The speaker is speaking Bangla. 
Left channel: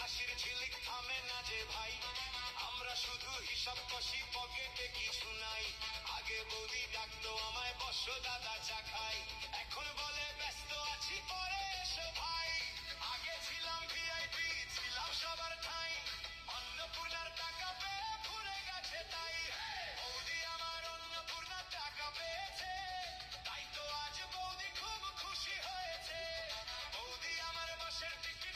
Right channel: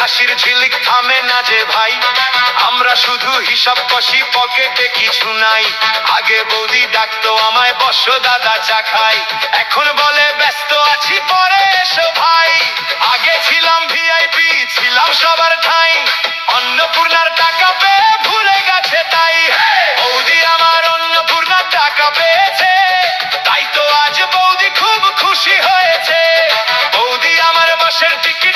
হাসির ঝিলিক থামে না যে ভাই, আমরা শুধু হিসাব কষি, পকেটে কিছু নাই। আগে বৌদি ডাকতো আমায় বসো দাদা চা খাই, এখন বলে ব্যস্ত আছি পরে এসো ভাই। আগে ছিলাম ভিআইপি, ছিলাম সবার ঠাই, অন্নপূর্ণার টাকা পেয়ে ভুলে গেছে তাই। বৌদি আমার অন্নপূর্ণার টাকা পেয়েছে, তাই তো আজ বৌদি খুব খুশি হয়েছে। বৌদি আমার বাসের টিকিট